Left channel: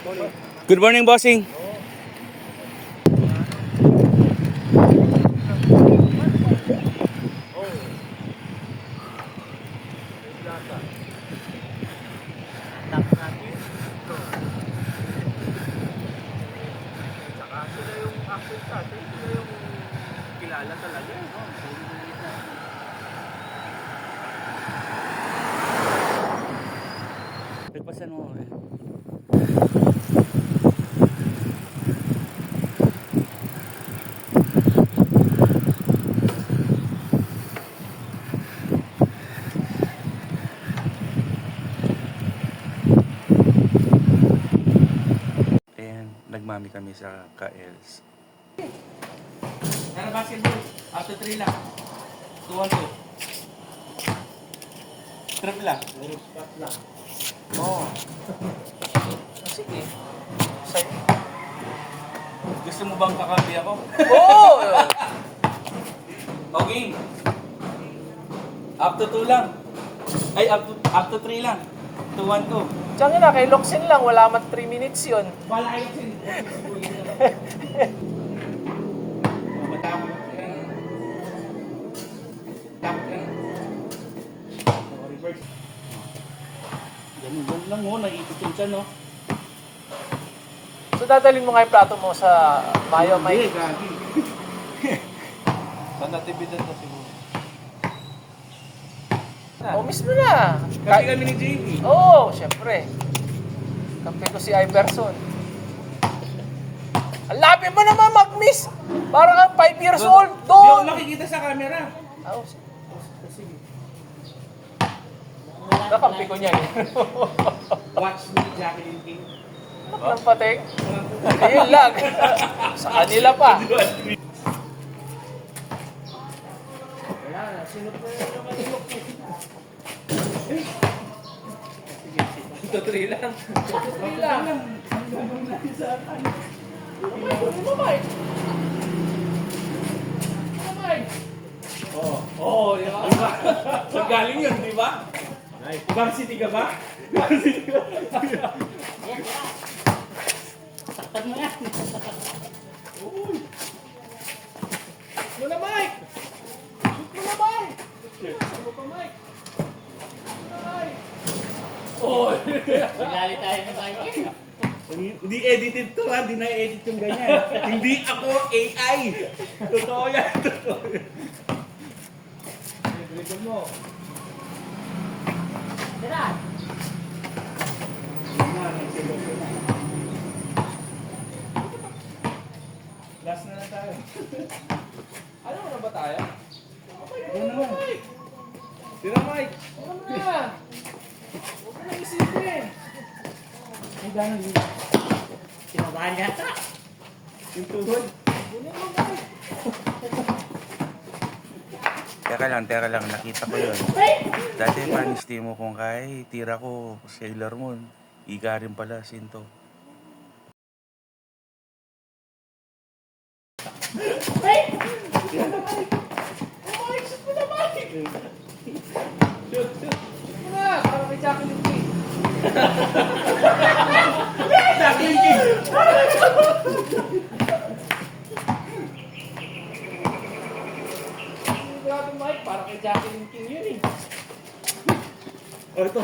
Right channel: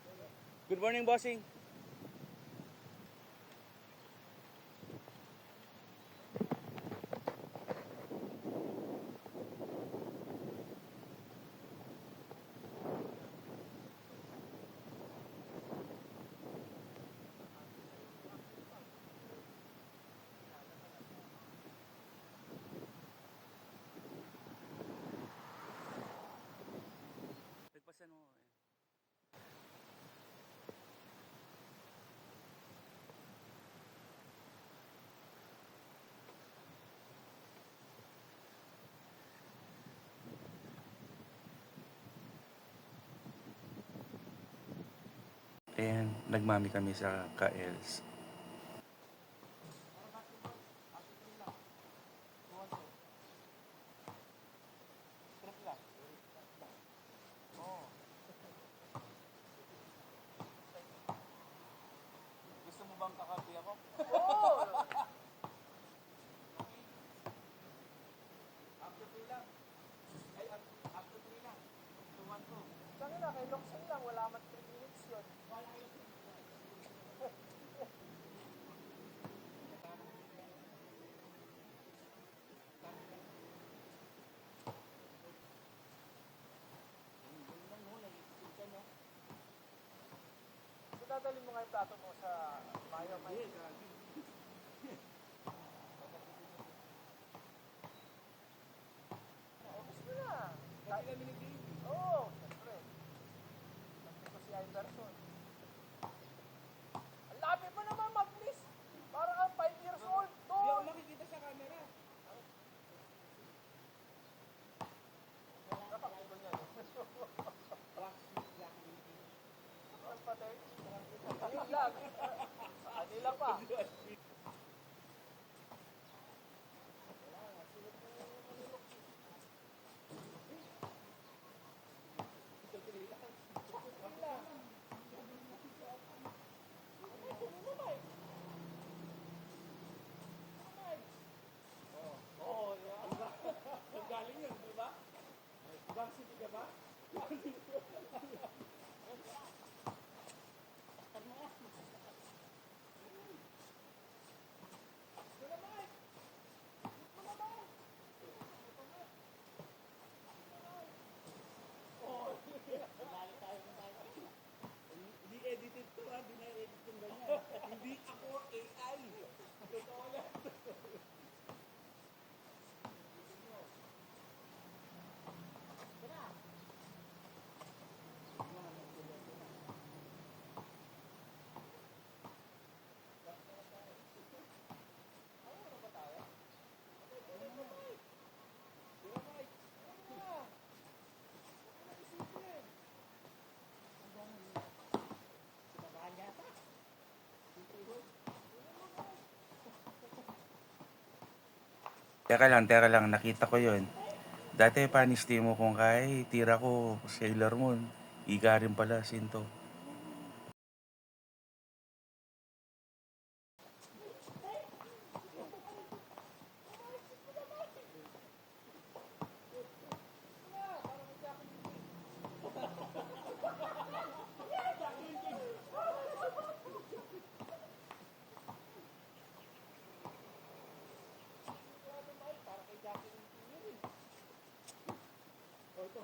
Good morning, bossing. Kilala talaga. Nagpasan mo eh. Ayan, nagmami kami sa Kaels. Ano basketball? After 3 lang. 2-1-2. Trip lang. Spot lang. Oo. Sige. Sa'yo. Gusto mo bang kakampi ako? Oo! O game. Up to 2 lang. Ay, up to 3 lang. 2-1-2. Diyan na, kay Loksin lang, wala man 3 minutes yun. Wala kayo sin. Matapos yan. Tapos yan. Reverse. Ganun lang mo, naiikot yung siya, no? So dadalhin mo nga yung plato mo sa Mayo, Hindi, may... gagi. Sa natividad na siguro. Oh, miss mo na. Kasi kami ni JB. Oo, syempre. Kampi ko si Iverson. Ang labi mo naman mag-miss. Parang kang 5 years old. Hindi ako Doon. makikita sa camera. Oh, sige. Nakampi ko niyan. Watch me, Jacqueline King. Ang pating. Ayun lang. Sa kanila pa. Wala na, sinot na yun naman yung Ito 3 lang. Ito 3 lang. Oo, di ba? Saan galing yun, di ba? Varsity ka ba? Varsity ka ba? Saktan mo yan. Uy! Shoot mo na, Mike! Shoot mo na, Mike! Shoot mo pa, Mike! Oh! Magali tayo ng Mike. Hindi edited to ha, hindi na-edit yung ganyan. Hindi ako AI! Totoo yan, totoo yan. Dribble mo. Tira. Last na lang tayo. Ano na ba tayo? Yan naman. Tira, Mike! Ano na? Huwag mo na isipin. Ay, gano'n yun. Sinabahan yata. Yung tuhod. Bunin mo ba? Teka lang, nakita ko yun. Dati panisti mo kung kay tira ko, Sailor Moon. Iga rin pala, Sinto. Ano na? Para kay Jacqueline King. Jacqueline King! Grabe Mike, para kay Jacqueline King yun eh. O, ito.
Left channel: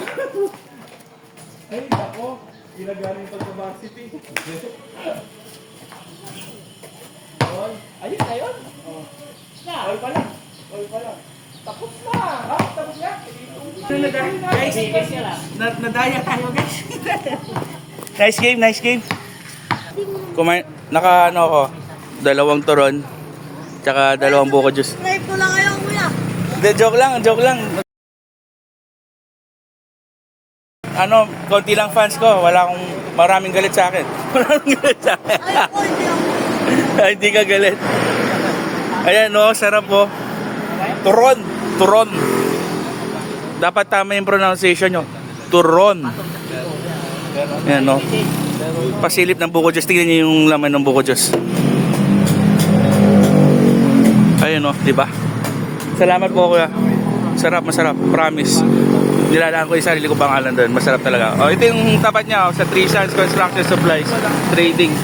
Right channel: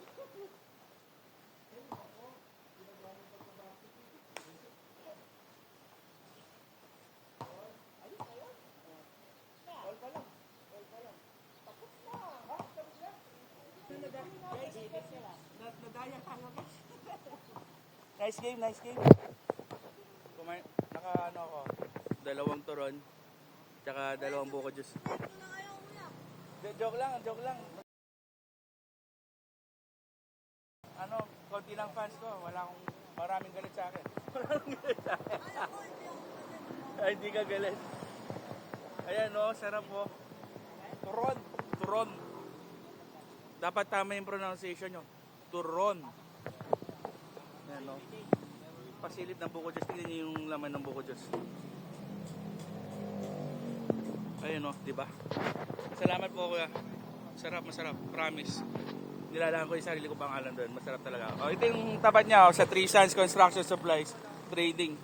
Ay, ako. Ginagaling pag sa varsity. Ayun na yun. All pa lang. All pa lang. Tapos na. Ha? Tapos na. Guys, Biggest ka lang. nadaya tayo, guys. Nice game. Naka ano ako, 2 turon, tsaka 2 buko juice. Subscribe ko lang kayo, kuya. Hindi, joke lang. Ano, konti lang fans ko, maraming galit sa akin. Maraming galit sa akin. Ay, ako, hindi ako. Ay, hindi ka galit. Ayan, no, sarap po. Turon. Dapat tama yung pronunciation nyo. Turon. Ayan, no. Pasilip ng buko juice. Tingnan nyo yung laman ng buko juice. Ayun, no, di ba? Salamat po, kuya. Masarap. Promise. Nilalaan ko yung sarili ko pangalan doon. Masarap talaga. Oh, ito yung tapat niya, oh, sa 3 Sons Construction Supplies Trading.